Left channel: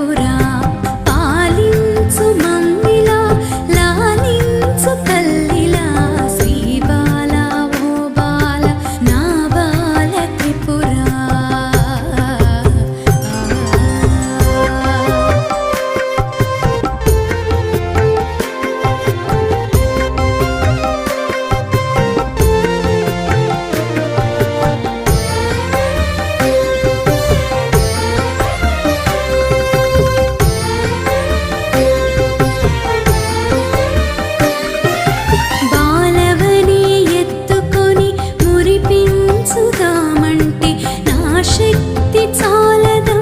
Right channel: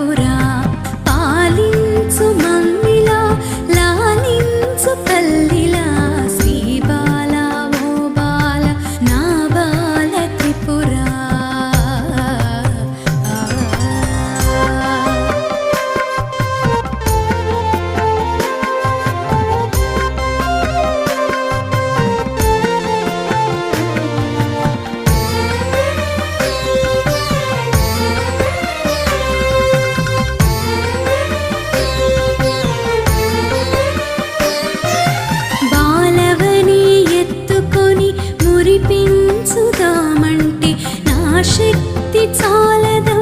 త్రిపుర పాలించు మమ్మిలా లాలించు తల్లిలా శ్రీ బాల ఓ బాల నా బాల త్రిపుర మురిపించుదామంటే నా శక్తి చాలదా